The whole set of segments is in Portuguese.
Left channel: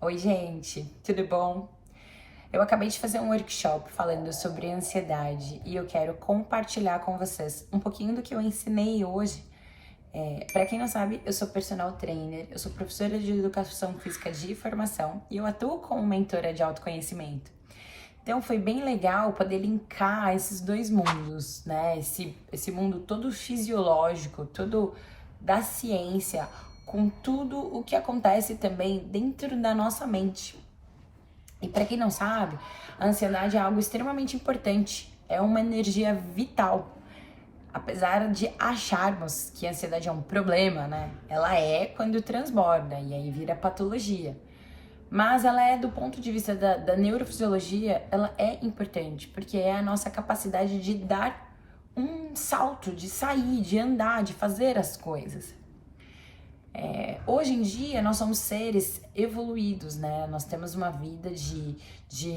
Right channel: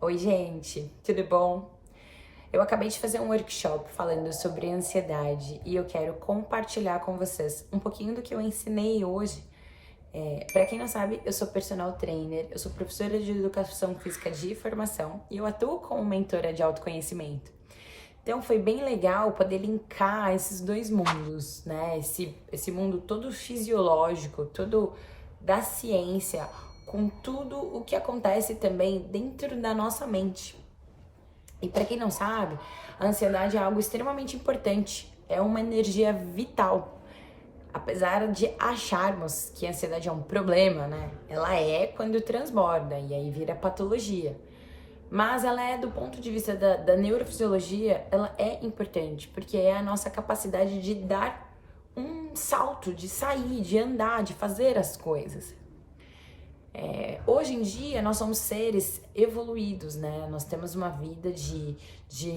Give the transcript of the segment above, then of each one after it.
Oi, gente, tudo bom? Eu acabei de fazer um workshop falando sobre ansiedade e eu quero compartilhar com vocês um pouquinho do que eu ensinei hoje. Para quem não sabe, eu sou personal trainer, eu sou professora de educação física de formação e eu atuo como mentora de autoconhecimento. Então foi bem legal poder linkar esses dois mundos, né? Esse mundo todo fisiológico, todo da ciência, com tudo o que acontece também dentro da nossa mente. E para quem não sabe, a ansiedade é algo extremamente importante, é uma energia vital. Apesar de acharmos que a ansiedade é um problema, né? Ela é quando transborda e aí vira patologia. Mas ela é, do ponto de vista da neurofisiologia, ela é importante, porque é a nossa capacidade de dar um salto, de sair, de andar, de fazer as coisas. Hoje em dia, nós somos seres evoluídos, né? Nós temos uma vida de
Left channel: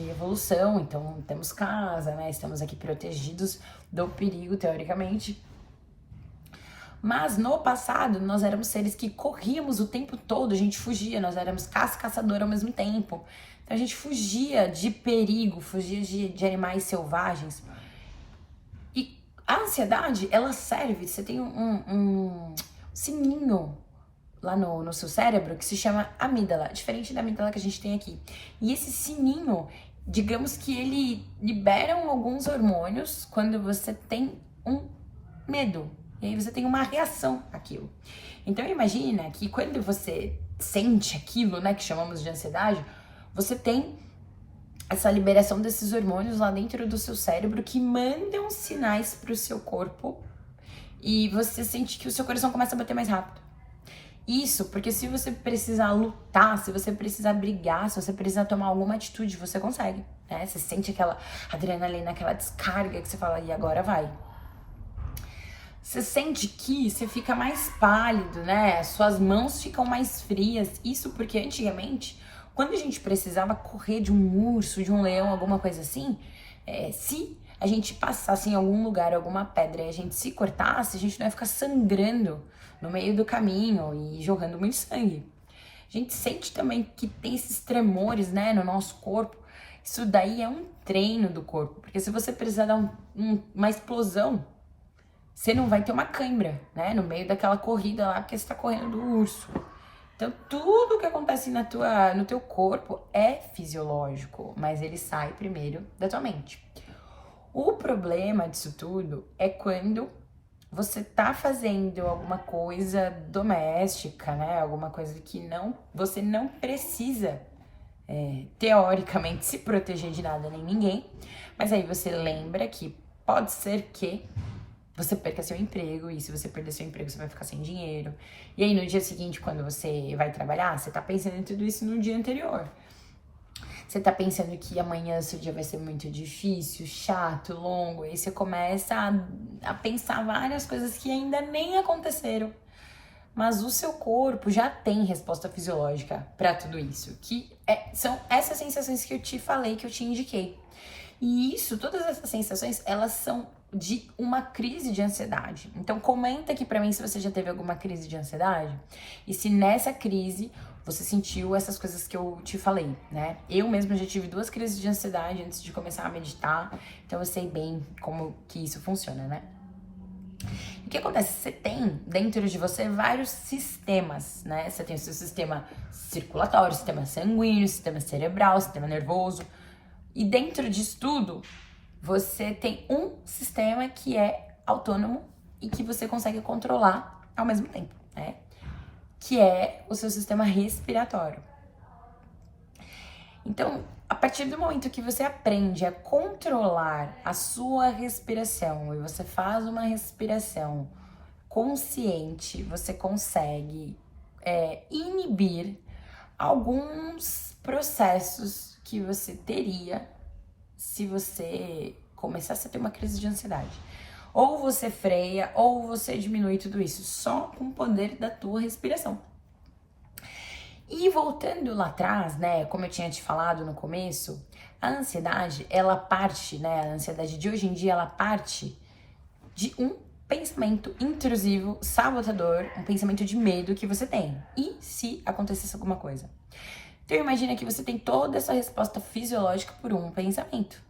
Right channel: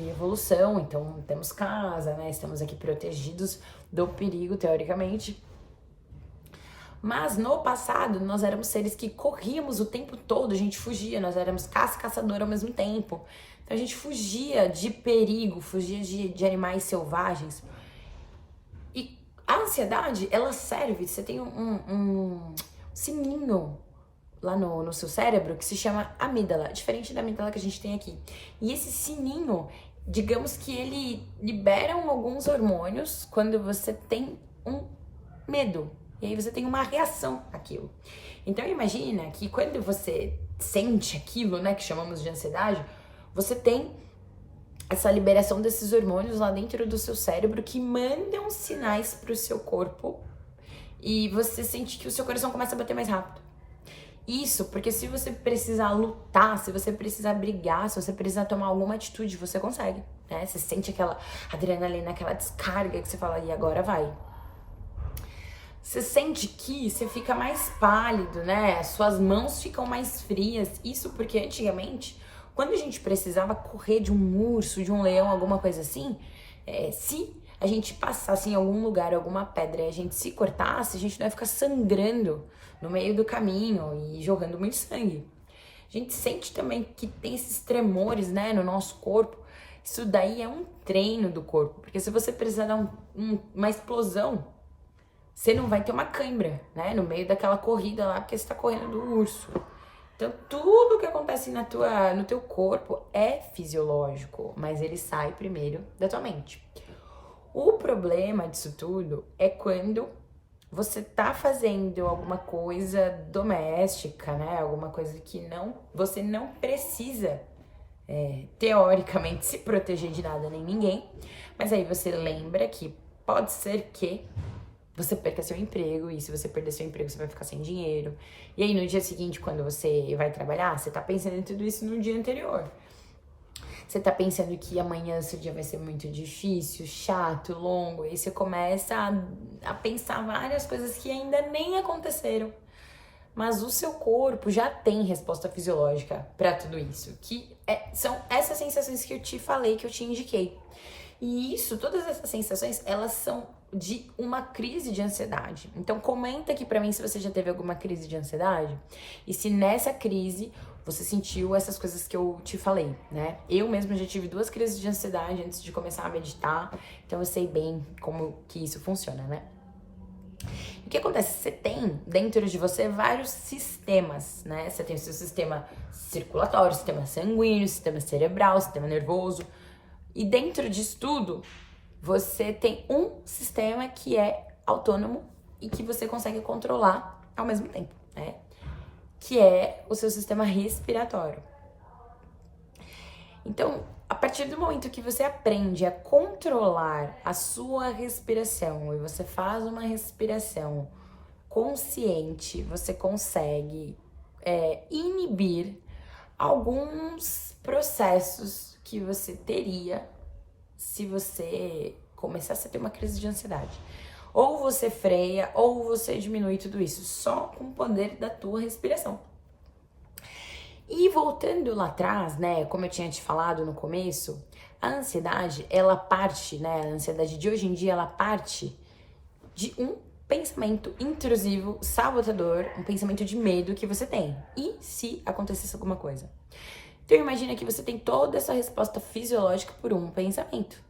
evolução, então temos casa, né? Estamos aqui protegidos do perigo, teoricamente. Mas no passado, nós éramos seres que corríamos o tempo todo, a gente fugia, nós éramos caça e caçador ao mesmo tempo. Então a gente fugia de perigo, fugia de animais selvagens. E a ansiedade, ela serve, você tem um sininho lá no seu cérebro que se chama amígdala, diferente da amígdala que a gente tem aqui. E esse sininho, digamos que ele libera alguns hormônios quando você tem um medo. E aí você tem uma reação àquilo. Então imagina que quando você sente aquilo, né, que chamamos de ansiedade, você tem essa liberação desses hormônios lá dentro do seu cérebro que mandam sinais para o seu corpo e você sente que o seu coração começa a bater mais rápido. Isso, porque se você precisar lutar, se você precisar brigar, se você precisar tomar alguma atitude, você consegue, né? Você sente aquela adrenalina, aquela descarga que você fala, e agora vai. Você sente que você fica mais pálido, né? Suas mãos ficam mais frias. Isso porque antigamente, quando a gente precisava correr de um urso, de um leão, alguma coisa assim, se a gente passasse em algum lugar, alguma pedra, e a gente se cortasse, a gente não ia ficar sangrando no meio do caminho e jorrando muito sangue. A gente sente também que tem esses tremores, né, no nosso corpo. Isso daí é um treino do corpo, porque se você precisar dar uma explosão, você não vai ter uma cãibra, né, no meio daquela corrida lá, porque você tá correndo do urso. Então, tudo que acontece no teu corpo é fisiológico, mas ele sai primeiro da tua mente. O problema disso tudo é quando você tá fazendo alguma coisa doméstica, né? Alguma coisa que você não precisa, teoricamente, se proteger de nada nem ninguém. Mas aí você lembra que pode ser que você perca seu emprego, e se você perder seu emprego, você vai ficar sem dinheiro. E aí no dia seguinte, quando você vai trabalhar, você tá pensando em tudo isso no dia anterior. Você tá pensando que amanhã seu dia vai ser muito difícil, chato, longo, e você começa a pensar várias coisas que ainda nem aconteceram. Mas o seu corpo já tem resposta fisiológica para tudo isso, são essas sensações que eu te falei, que eu te indiquei. E isso, todas essas sensações, elas são de uma crise de ansiedade. Então comenta aqui pra mim se você já teve alguma crise de ansiedade e se nessa crise você sentiu essas coisas que eu te falei, né? Eu mesma já tive 2 crises de ansiedade antes de começar a meditar, então eu sei bem como que isso funciona, né? O que acontece? Você tem dentro de você vários sistemas, né? Você tem o seu sistema circulatório, sistema sanguíneo, sistema cerebral, sistema nervoso. E dentro disso tudo, você tem um sistema que é autônomo e que você consegue controlar ao mesmo tempo, né? Que é o seu sistema respiratório. Então, a partir do momento que você aprende a controlar a sua respiração e você faz uma respiração consciente, você consegue inibir alguns processos que você teria se você começasse a ter uma crise de ansiedade. Ou você freia, ou você diminui tudo isso, só com o poder da tua respiração. E voltando lá atrás, né, como eu tinha te falado no começo, a ansiedade, ela parte, né, a ansiedade de hoje em dia, ela parte de um pensamento intrusivo, sabotador, um pensamento de medo que você tem. E se acontecesse alguma coisa? Então imagina que você tem toda essa resposta fisiológica por um pensamento.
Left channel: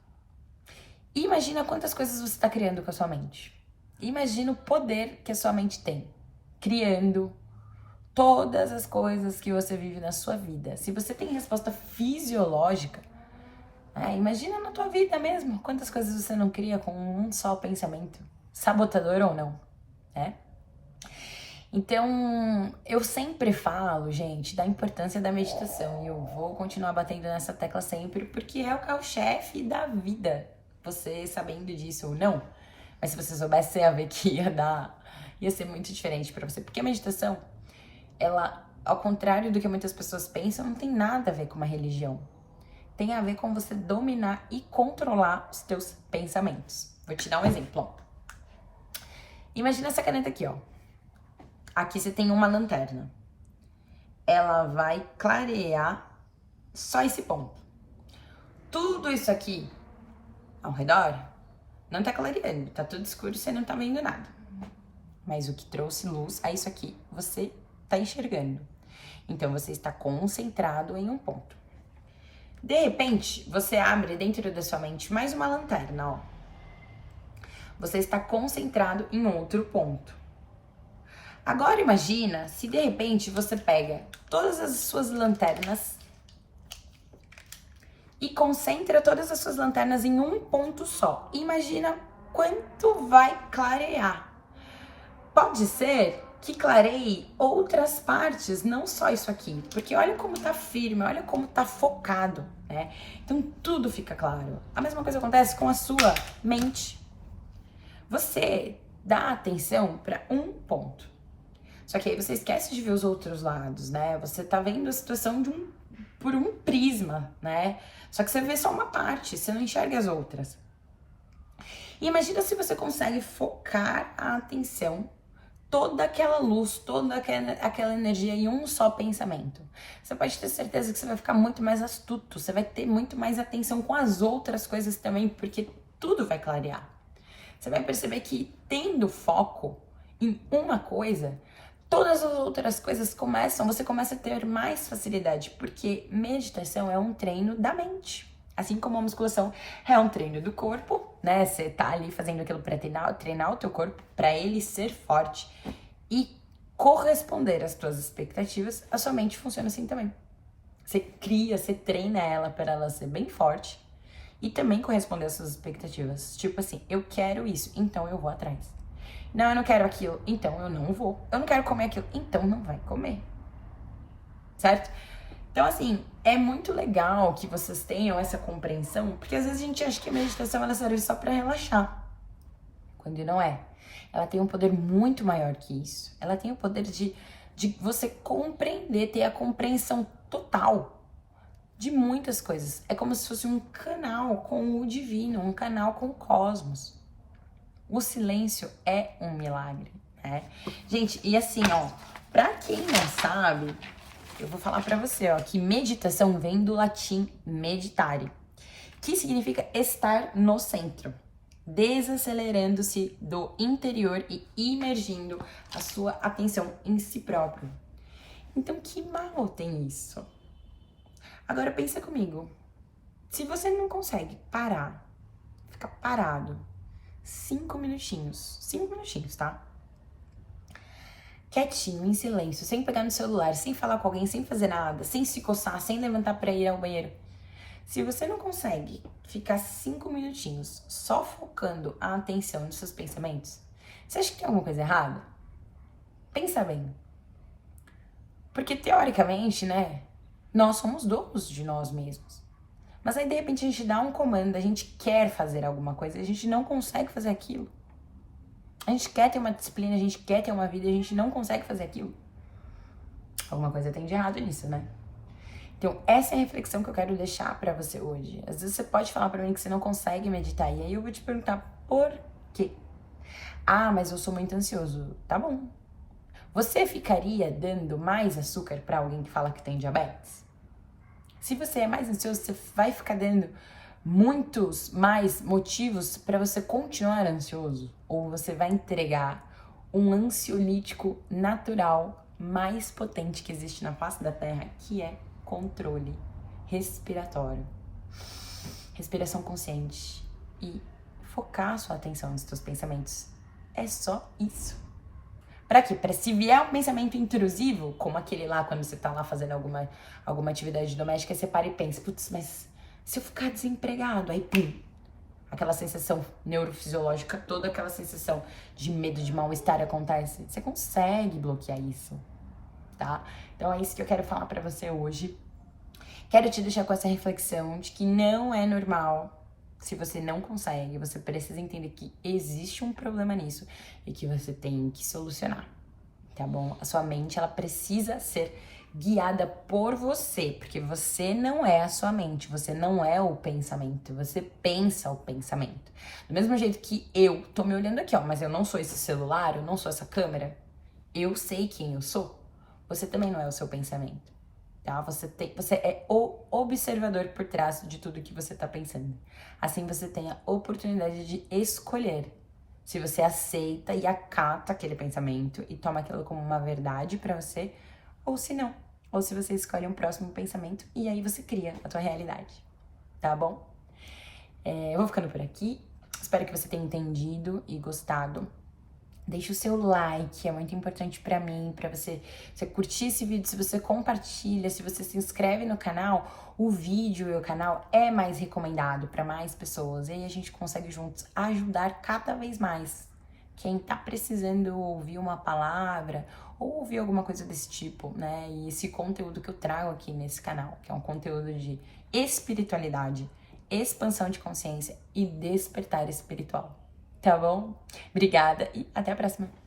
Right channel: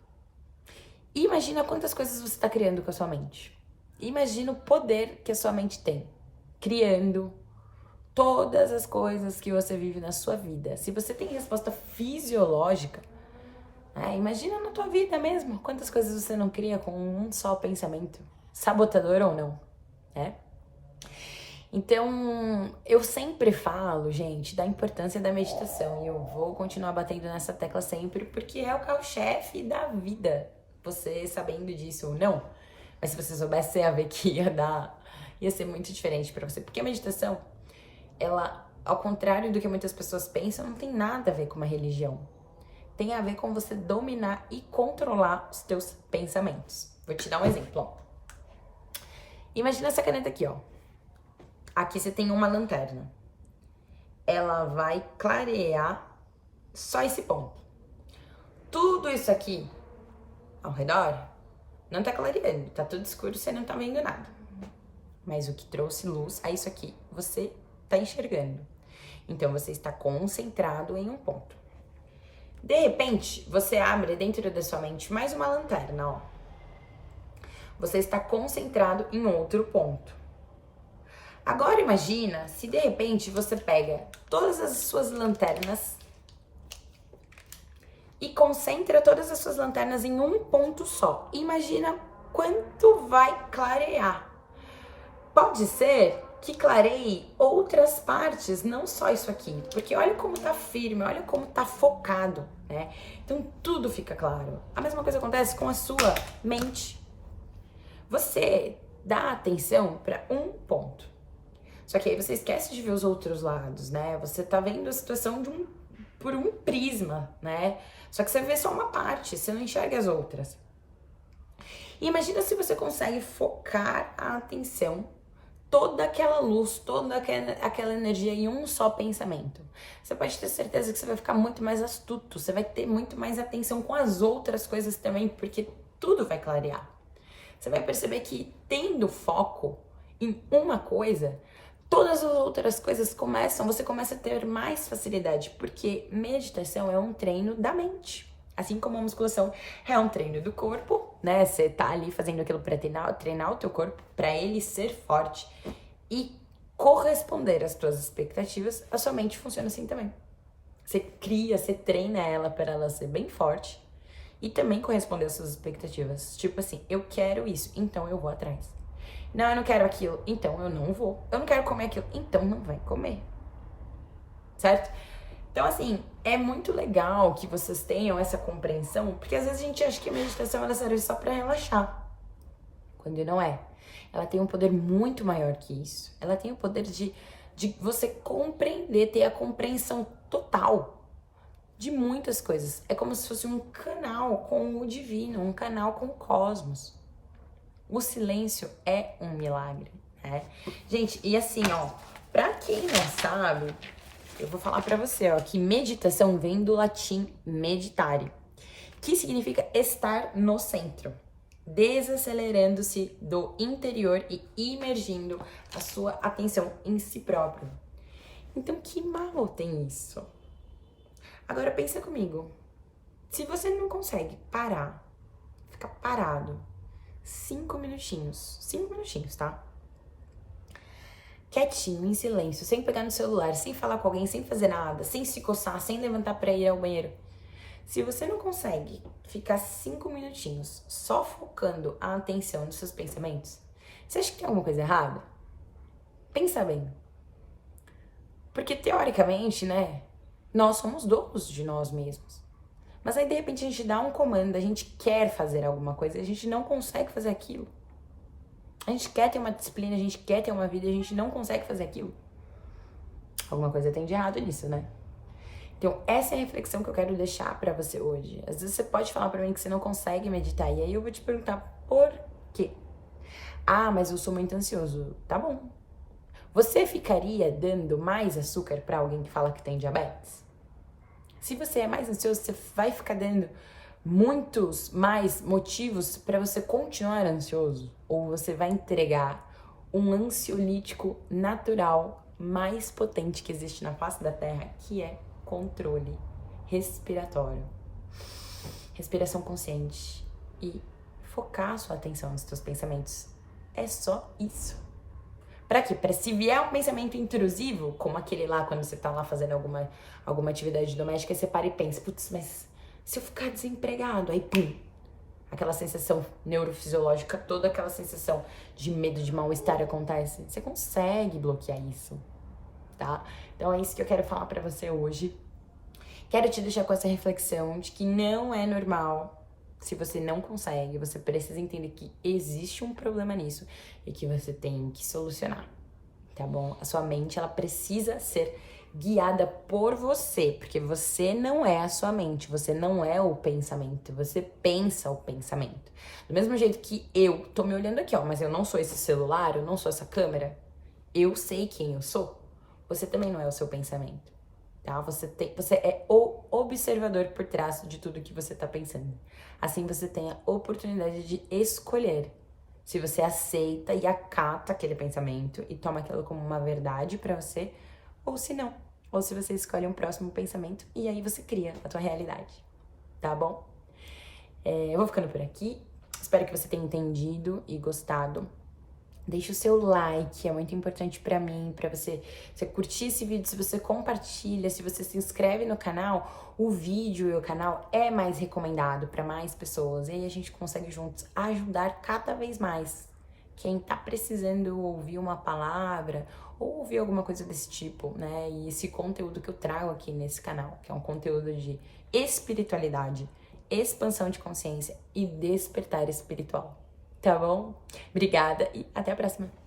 E imagina quantas coisas você está criando com a sua mente. Imagina o poder que a sua mente tem, criando todas as coisas que você vive na sua vida. Se você tem resposta fisiológica, imagina na tua vida mesmo, quantas coisas você não cria com um só pensamento, sabotador ou não, né? Então, eu sempre falo, gente, da importância da meditação, e eu vou continuar batendo nessa tecla sempre, porque é o carro-chefe da vida, você sabendo disso ou não. Mas se você soubesse, você ia ver que ia ser muito diferente pra você, porque a meditação, ela, ao contrário do que muitas pessoas pensam, não tem nada a ver com uma religião. Tem a ver com você dominar e controlar os teus pensamentos. Vou te dar um exemplo, ó. Imagina essa caneta aqui, ó. Aqui você tem uma lanterna. Ela vai clarear só esse ponto. Tudo isso aqui ao redor não tá clareando, tá tudo escuro, você não tá vendo nada. Mas o que trouxe luz a isso aqui, você tá enxergando. Então você está concentrado em um ponto. De repente, você abre dentro da sua mente mais uma lanterna, ó. Você está concentrado em outro ponto. Agora imagina se de repente você pega todas as suas lanternas e concentra todas as suas lanternas em um ponto só. Imagina quanto vai clarear. Pode ser que clareie outras partes, não só isso aqui, porque olha como tá firme, olha como tá focado, né? Então tudo fica claro. A mesma coisa acontece com a sua mente. Você dá atenção para um ponto. Só que aí você esquece de ver os outros lados, né? Você tá vendo a situação por um prisma, né? Só que você vê só uma parte, você não enxerga as outras. E imagina se você consegue focar a atenção, toda aquela luz, toda aquela energia em um só pensamento. Você pode ter certeza que você vai ficar muito mais astuto, você vai ter muito mais atenção com as outras coisas também, porque tudo vai clarear. Você vai perceber que tendo foco em uma coisa, todas as outras coisas você começa a ter mais facilidade, porque meditação é um treino da mente. Assim como a musculação é um treino do corpo, né? Você tá ali fazendo aquilo para treinar o teu corpo, para ele ser forte e corresponder às tuas expectativas, a sua mente funciona assim também. Você treina ela para ela ser bem forte e também corresponder às suas expectativas. Tipo assim, eu quero isso, então eu vou atrás. Não, eu não quero aquilo, então eu não vou. Eu não quero comer aquilo, então não vai comer. Certo? Então, assim, é muito legal que vocês tenham essa compreensão, porque às vezes a gente acha que a meditação ela serve só pra relaxar, quando não é. Ela tem um poder muito maior que isso. Ela tem o poder de você compreender, ter a compreensão total de muitas coisas. É como se fosse um canal com o divino, um canal com o cosmos. O silêncio é um milagre, né? Gente, e assim, ó, pra quem não sabe, eu vou falar pra você, ó, que meditação vem do latim meditare, que significa estar no centro, desacelerando-se do interior e imergindo a sua atenção em si próprio. Então, que mal tem isso? Agora pensa comigo, se você não consegue parar, ficar parado, 5 minutinhos, tá? Quietinho, em silêncio, sem pegar no celular, sem falar com alguém, sem fazer nada, sem se coçar, sem levantar pra ir ao banheiro. Se você não consegue ficar 5 minutinhos só focando a atenção nos seus pensamentos, você acha que tem alguma coisa errada? Pensa bem. Porque teoricamente, né, nós somos donos de nós mesmos. Mas aí, de repente, a gente dá um comando, a gente quer fazer alguma coisa, a gente não consegue fazer aquilo. A gente quer ter uma disciplina, a gente quer ter uma vida, a gente não consegue fazer aquilo. Alguma coisa tem de errado nisso, né? Então, essa é a reflexão que eu quero deixar pra você hoje. Às vezes você pode falar pra mim que você não consegue meditar, e aí eu vou te perguntar por quê? Ah, mas eu sou muito ansioso. Tá bom. Você ficaria dando mais açúcar pra alguém que fala que tem diabetes? Se você é mais ansioso, você vai ficar dando muitos mais motivos para você continuar ansioso? Ou você vai entregar um ansiolítico natural mais potente que existe na face da Terra, que é controle respiratório, respiração consciente e focar a sua atenção nos seus pensamentos. É só isso. Pra quê? Pra se vier um pensamento intrusivo, como aquele lá, quando você tá lá fazendo alguma atividade doméstica, você para e pensa, putz, mas se eu ficar desempregado, aí pum, aquela sensação neurofisiológica, toda aquela sensação de medo, de mal-estar acontece. Você consegue bloquear isso, tá? Então é isso que eu quero falar pra você hoje. Quero te deixar com essa reflexão de que não é normal. Se você não consegue, você precisa entender que existe um problema nisso e que você tem que solucionar, tá bom? A sua mente, ela precisa ser guiada por você, porque você não é a sua mente, você não é o pensamento, você pensa o pensamento. Do mesmo jeito que eu tô me olhando aqui, ó, mas eu não sou esse celular, eu não sou essa câmera, eu sei quem eu sou. Você também não é o seu pensamento. Tá? Você é o observador por trás de tudo que você tá pensando. Assim você tem a oportunidade de escolher se você aceita e acata aquele pensamento e toma aquilo como uma verdade pra você, ou se não. Ou se você escolhe um próximo pensamento e aí você cria a tua realidade. Tá bom? Eu vou ficando por aqui. Espero que você tenha entendido e gostado. Deixa o seu like, é muito importante pra mim, pra você curtir esse vídeo, se você compartilha, se você se inscreve no canal, o vídeo e o canal é mais recomendado pra mais pessoas. E aí a gente consegue juntos ajudar cada vez mais quem tá precisando ouvir uma palavra ou ouvir alguma coisa desse tipo, né? E esse conteúdo que eu trago aqui nesse canal, que é um conteúdo de espiritualidade, expansão de consciência e despertar espiritual. Tá bom? Obrigada e até a próxima.